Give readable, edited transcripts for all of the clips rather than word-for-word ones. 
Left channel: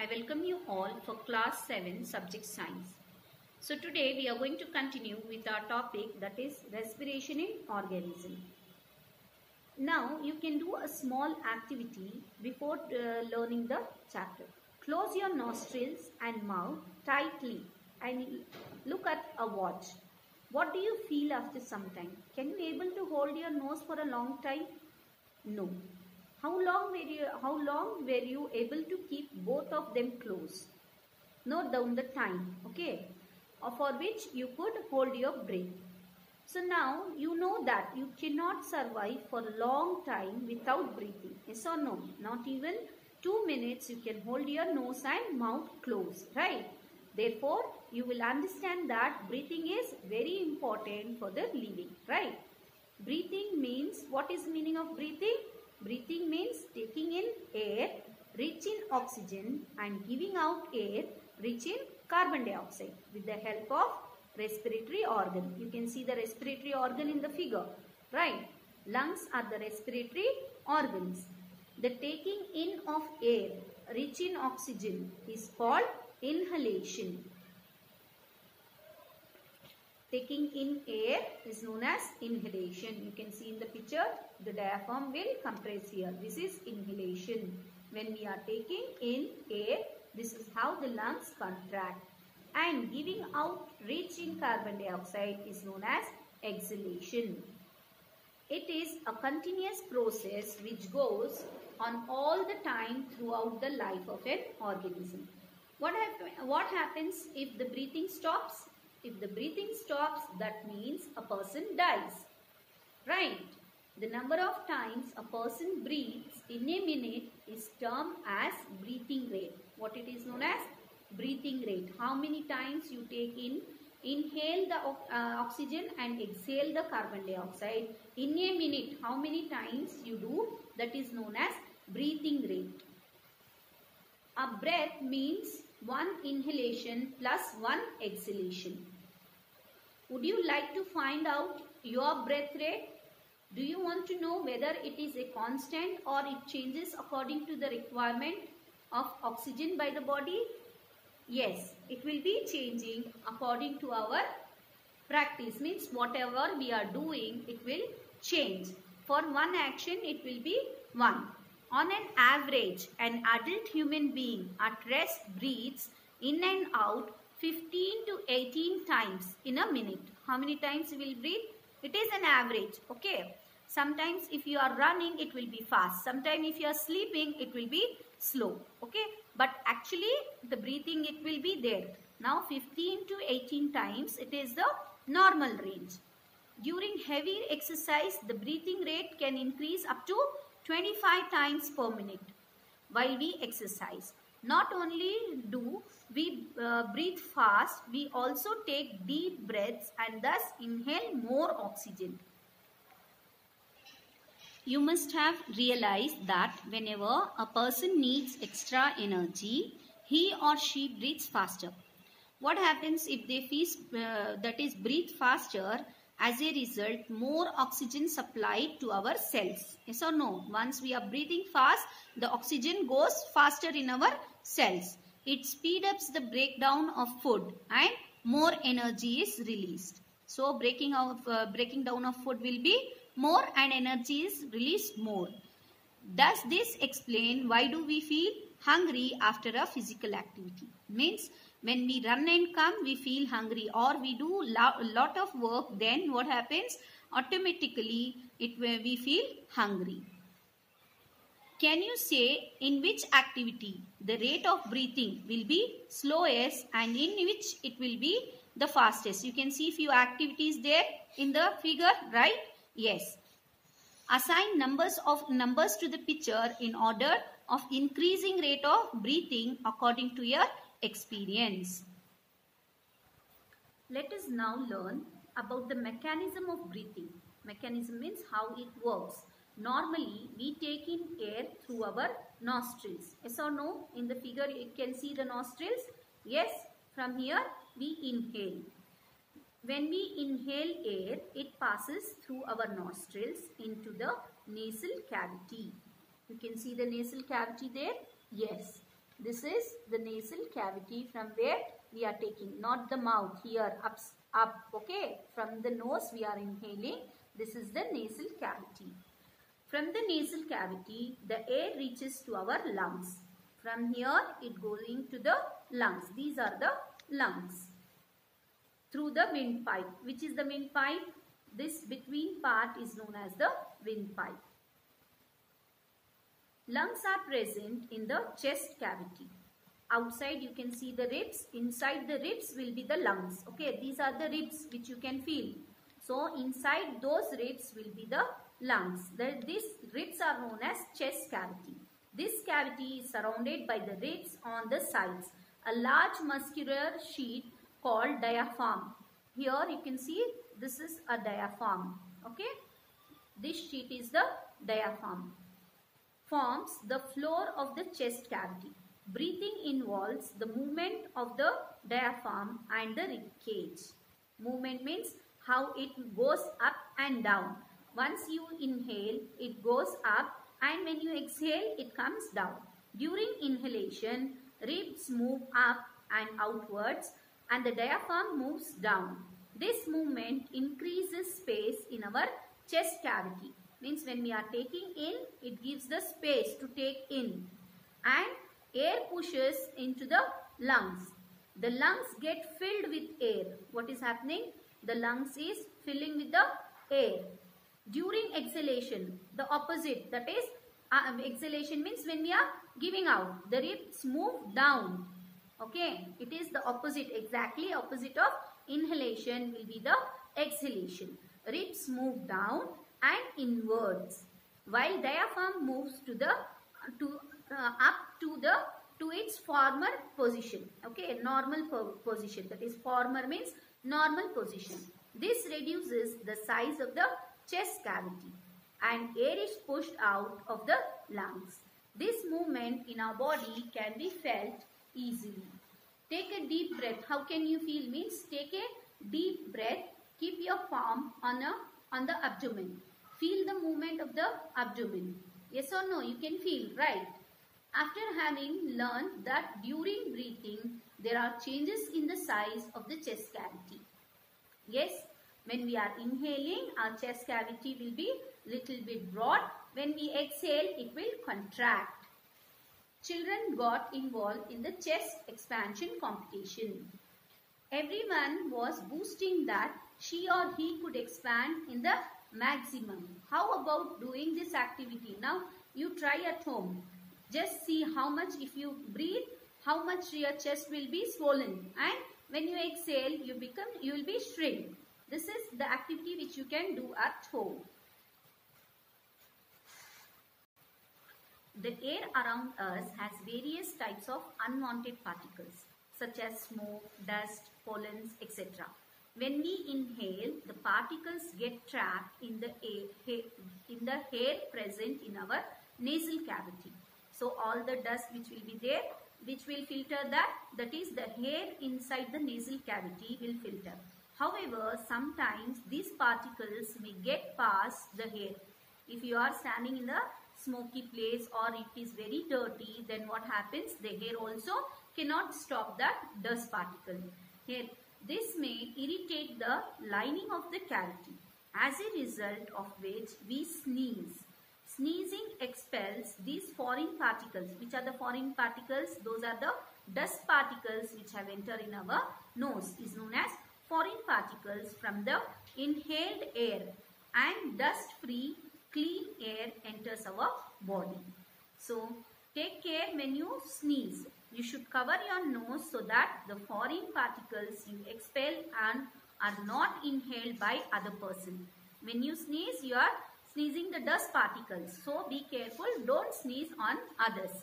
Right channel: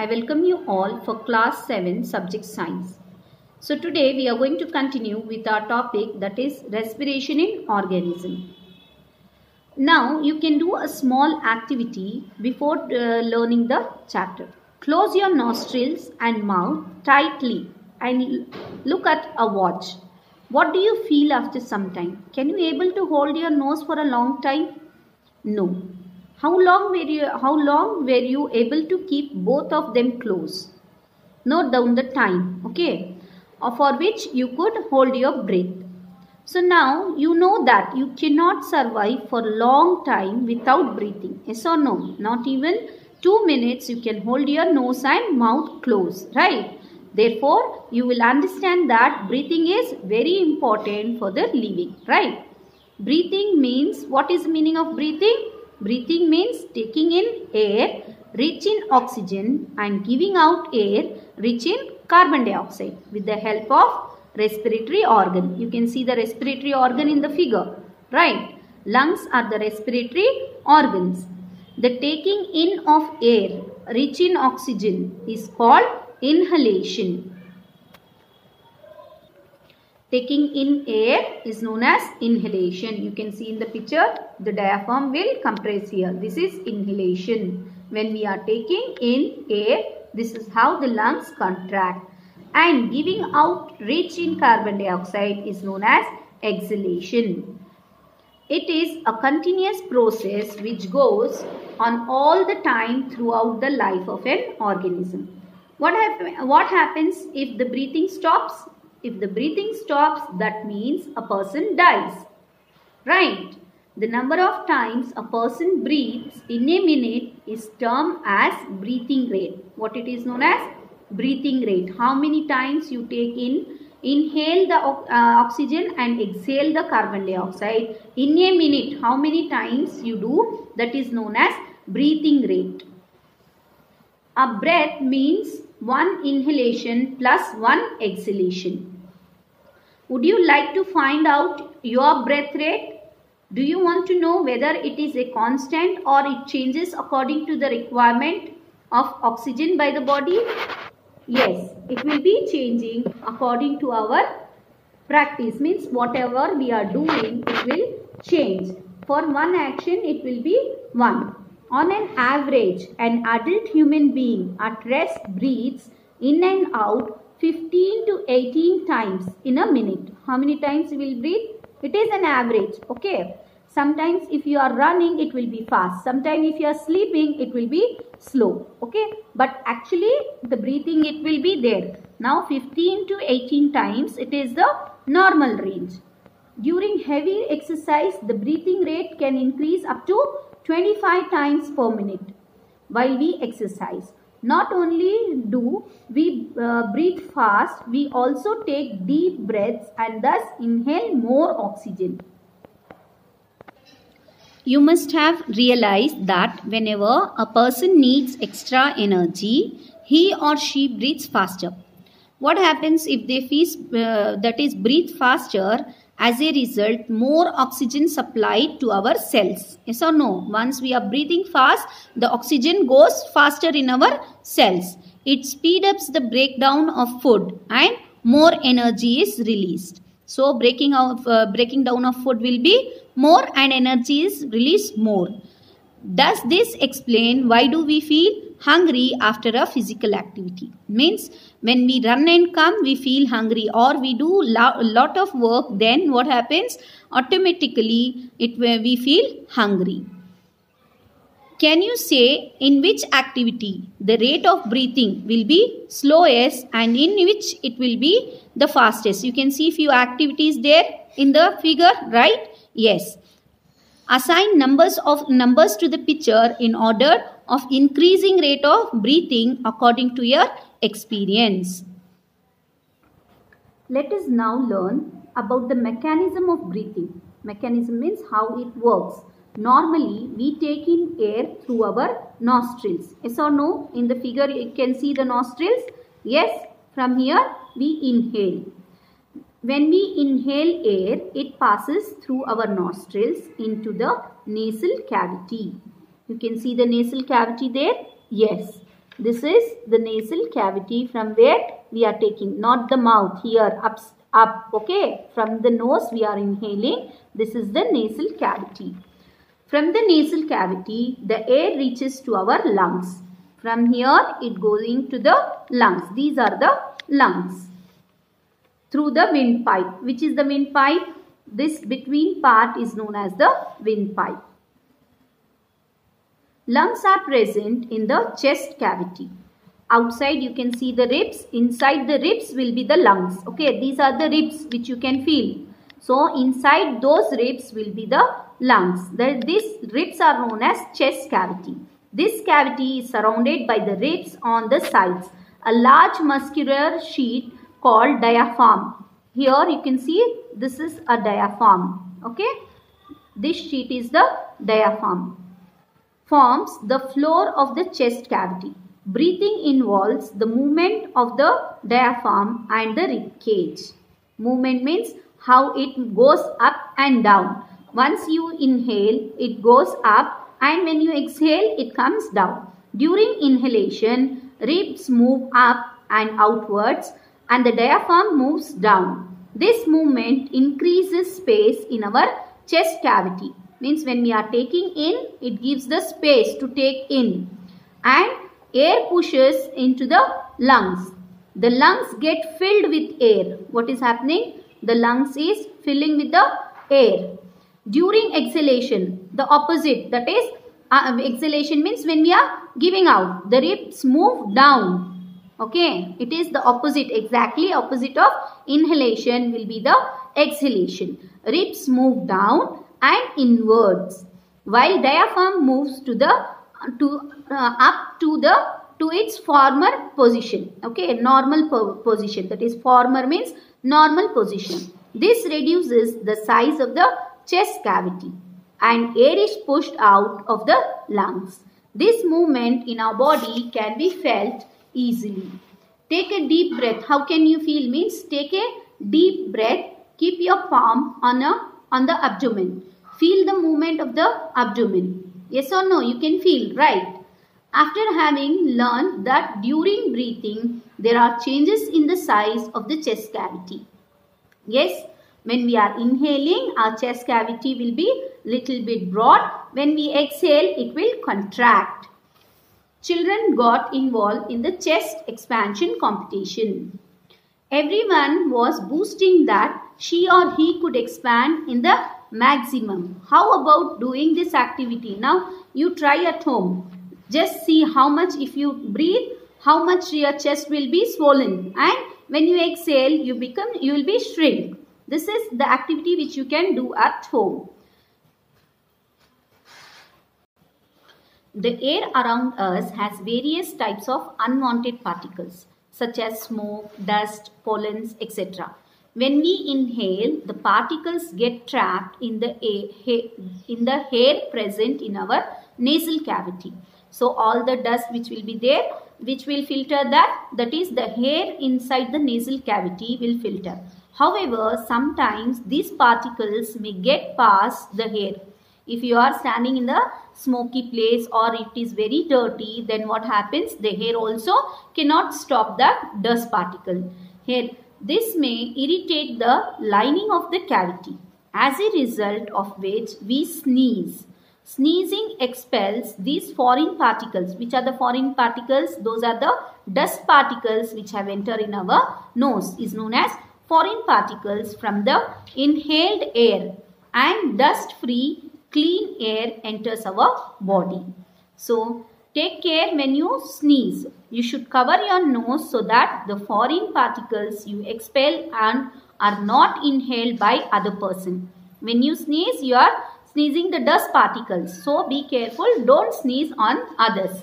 I welcome you all for class 7 subject science. So today we are going to continue with our topic, that is respiration in organism. Now you can do a small activity before learning the chapter. Close your nostrils and mouth tightly and look at a watch. What do you feel after some time? Can you able to hold your nose for a long time? No. How long were you able to keep both of them closed? Note down the time, okay, for which you could hold your breath. So now you know that you cannot survive for a long time without breathing. Yes or no? Not even 2 minutes you can hold your nose and mouth closed, right? Therefore, you will understand that breathing is very important for the living, right? Breathing means, what is the meaning of breathing? Breathing means taking in air rich in oxygen and giving out air rich in carbon dioxide with the help of respiratory organ. You can see the respiratory organ in the figure, right? Lungs are the respiratory organs. The taking in of air rich in oxygen is called inhalation. Taking in air is known as inhalation. You can see in the picture, the diaphragm will compress here. This is inhalation. When we are taking in air, this is how the lungs contract. And giving out rich in carbon dioxide is known as exhalation. It is a continuous process which goes on all the time throughout the life of an organism. What happens if the breathing stops? If the breathing stops, that means a person dies, right? The number of times a person breathes in a minute is termed as breathing rate. What it is known as? Breathing rate. How many times you inhale the oxygen and exhale the carbon dioxide in a minute. How many times you do? That is known as breathing rate. A breath means one inhalation plus one exhalation. Would you like to find out your breath rate? Do you want to know whether it is a constant or it changes according to the requirement of oxygen by the body? Yes, it will be changing according to our practice. Means whatever we are doing, it will change. For one action, it will be 1. On an average, an adult human being at rest breathes in and out 15 to 18 times in a minute. How many times you will breathe? It is an average, okay. Sometimes if you are running, it will be fast. Sometimes if you are sleeping, it will be slow, okay. But actually, the breathing, it will be there. Now 15 to 18 times, it is the normal range. During heavy exercise, the breathing rate can increase up to 25 times per minute while we exercise. Not only do we breathe fast, we also take deep breaths and thus inhale more oxygen. You must have realized that whenever a person needs extra energy, he or she breathes faster. What happens if they breathe faster? As a result, more oxygen supplied to our cells. Yes or no? Once we are breathing fast, the oxygen goes faster in our cells. It speeds up the breakdown of food and more energy is released. So, breaking down of food will be more and energy is released more. Does this explain why do we feel hungry after a physical activity? Means when we run and come, we feel hungry, or we do a lot of work, then what happens? Automatically we feel hungry. Can you say in which activity the rate of breathing will be slowest and in which it will be the fastest? You can see few activities there in the figure, right? Yes. Assign numbers to the picture in order of increasing rate of breathing according to your experience. Let us now learn about the mechanism of breathing. Mechanism means how it works. Normally, we take in air through our nostrils. Yes or no? In the figure, you can see the nostrils. Yes, from here we inhale. When we inhale air, it passes through our nostrils into the nasal cavity. You can see the nasal cavity there. Yes. This is the nasal cavity from where we are taking, not the mouth, here up, okay. From the nose we are inhaling. This is the nasal cavity. From the nasal cavity, the air reaches to our lungs. From here, it goes into the lungs. These are the lungs. Through the windpipe. Which is the windpipe? This between part is known as the windpipe. Lungs are present in the chest cavity. Outside you can see the ribs. Inside the ribs will be the lungs. Okay, these are the ribs which you can feel. So inside those ribs will be the lungs. These ribs are known as chest cavity. This cavity is surrounded by the ribs on the sides. A large muscular sheet called diaphragm. Here you can see this is a diaphragm. Okay, this sheet is the diaphragm. Forms the floor of the chest cavity. Breathing involves the movement of the diaphragm and the rib cage. Movement means how it goes up and down. Once you inhale, it goes up, and when you exhale, it comes down. During inhalation, ribs move up and outwards, and the diaphragm moves down. This movement increases space in our chest cavity. Means when we are taking in, it gives the space to take in, and air pushes into the lungs. The lungs get filled with air. What is happening? The lungs is filling with the air. During exhalation, the opposite, that is exhalation means when we are giving out, the ribs move down. Okay, it is the opposite, exactly opposite of inhalation will be the exhalation. Ribs move down and inwards, while diaphragm moves up to its former position. Okay, normal position, that is former means normal position. This reduces the size of the chest cavity, and air is pushed out of the lungs. This movement in our body can be felt easily. Take a deep breath. How can you feel? Means take a deep breath. Keep your palm on the abdomen. Feel the movement of the abdomen. Yes or no? You can feel, right? After having learned that during breathing, there are changes in the size of the chest cavity. Yes, when we are inhaling, our chest cavity will be little bit broad. When we exhale, it will contract. Children got involved in the chest expansion competition. Everyone was boasting that she or he could expand in the maximum. How about doing this activity? Now you try at home. Just see how much, if you breathe, how much your chest will be swollen, and when you exhale, you will be shrink. This is the activity which you can do at home. The air around us has various types of unwanted particles such as smoke, dust, pollens, etc. When we inhale, the particles get trapped in the air present in our nasal cavity. So all the dust which will be there, which will filter that is the hair inside the nasal cavity will filter. However, sometimes these particles may get past the hair. If you are standing in the smoky place or it is very dirty, then what happens? The hair also cannot stop the dust particle. Here, this may irritate the lining of the cavity, as a result of which we sneeze. Sneezing expels these foreign particles. Which are the foreign particles? Those are the dust particles which have entered in our nose, is known as foreign particles from the inhaled air, and dust-free clean air enters our body. So take care when you sneeze. You should cover your nose so that the foreign particles you expel and are not inhaled by other person. When you sneeze, you are sneezing the dust particles. So be careful, don't sneeze on others.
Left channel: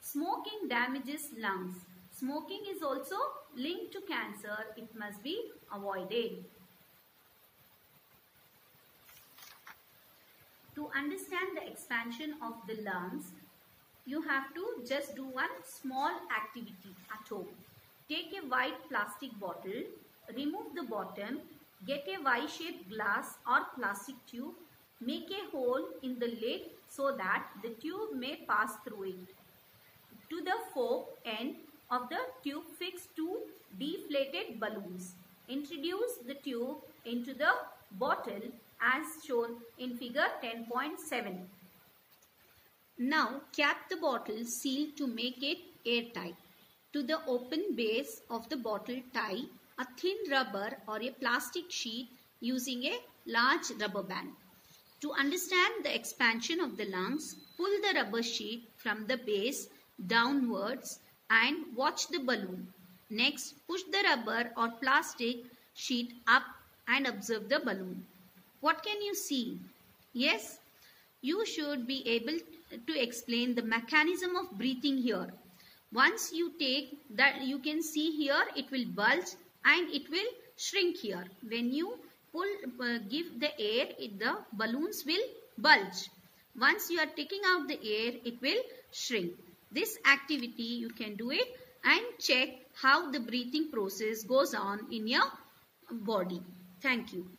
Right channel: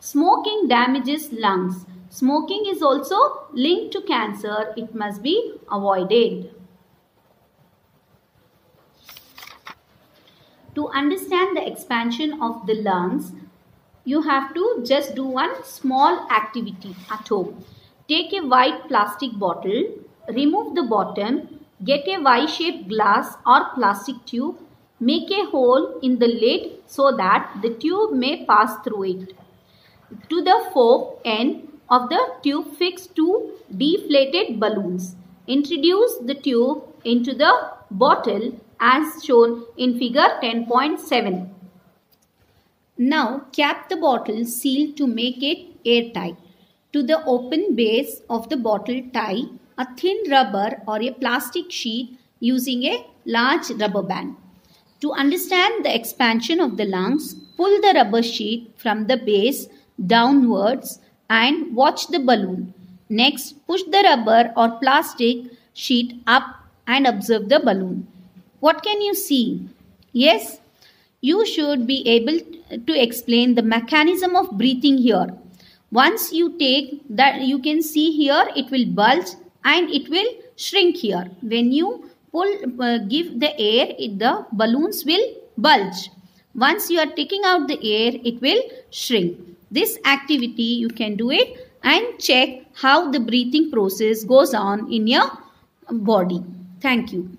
Smoking damages lungs. Smoking is also linked to cancer. It must be avoided. To understand the expansion of the lungs, you have to just do one small activity at home. Take a white plastic bottle, remove the bottom, get a Y-shaped glass or plastic tube, make a hole in the lid so that the tube may pass through it. to the fork end of the tube fixed to deflated balloons. Introduce the tube into the bottle as shown in figure 10.7. Now cap the bottle seal to make it airtight. To the open base of the bottle tie a thin rubber or a plastic sheet using a large rubber band. To understand the expansion of the lungs, pull the rubber sheet from the base downwards and watch the balloon. Next, push the rubber or plastic sheet up and observe the balloon. What can you see? Yes, you should be able to explain the mechanism of breathing here. Once you take that, you can see here it will bulge and it will shrink here. When you give the air, the balloons will bulge. Once you are taking out the air, it will shrink. This activity you can do it and check how the breathing process goes on in your body. Thank you.